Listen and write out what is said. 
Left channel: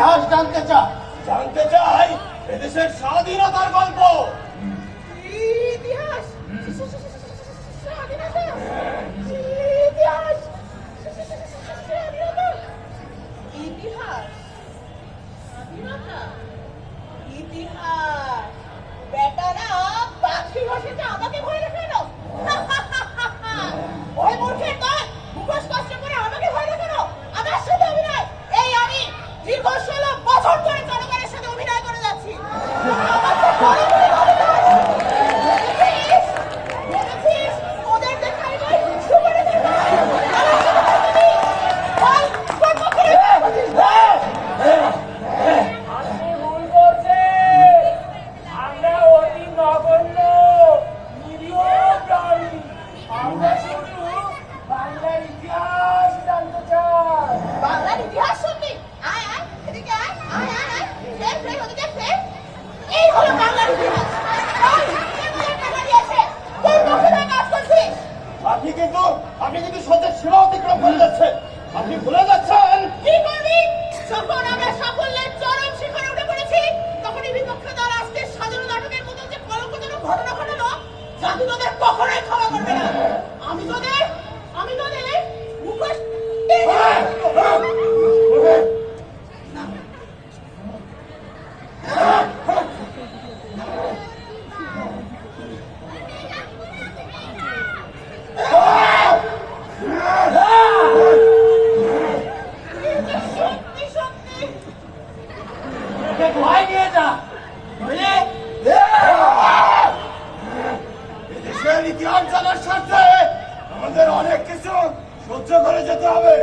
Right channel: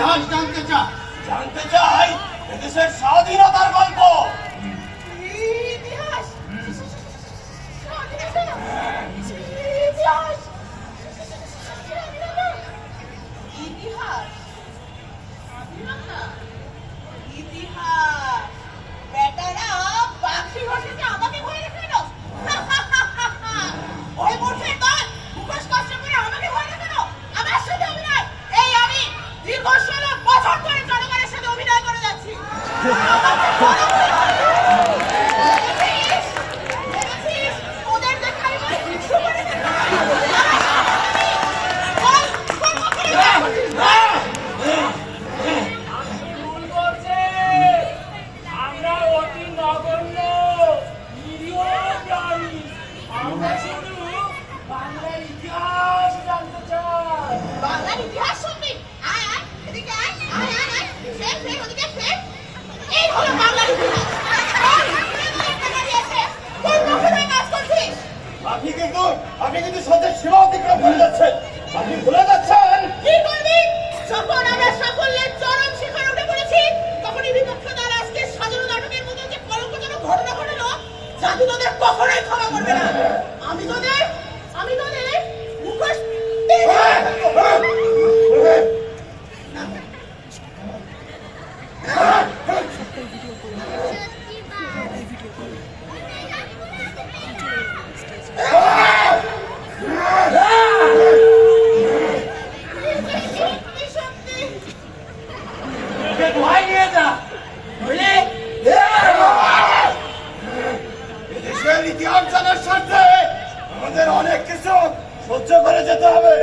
ইতিহাস জানতে চাই এদেশের স্বাধীনতার গল্প। ইতিহাস ইতিহাস ইতিহাস স্বাধীনতা ইতিহাস বেটারা পাখি ভাষাতে আমাকে ভয় দেখানো। ওই মূর্খের দল মুখোশ কষ্ট করে আমাকে ভয় দেখানো। আমার সাথে অভিনয়, এই আমি দীর্ঘ 16 বছর ধরে জনগণের সাথে অভিনয় করে যাচ্ছি। ওদের দেখা কিছু করে আমরা অতি নগণ্য নিরীহ প্রাণী। আমরা শুধু বাংলার ইতিহাস জানতে চাই। বাংলার ইতিহাস শুনবি? আয় আয় এদিকে আয়, আয় আয় আয়, ফের ফের ওদিকে ফের। এই হলো বাংলার ইতিহাস। কাজ করছিস আপনি কিন্তু সত্যের সীমা অতিক্রম করে যাচ্ছেন। আপনি ভুলে যাচ্ছেন কি করবি? যখন আমরা সাফল্যের চরম শিখরে উঠে পড়েছি, তখনই বিপক্ষ দল আজকে সাধারণ নাটকের মতো যে কলঙ্কজনক ঘটনা ঘটালো, জাতি তোদের কখনোই ক্ষমা করবে না। আমি তোদের মুখোশ ভয় নিয়ে যা, বুঝলি? দেশের ইতিহাস জানার স্বার্থে আমাদের অনেক কিছু সহ্য করে যেতে হবে।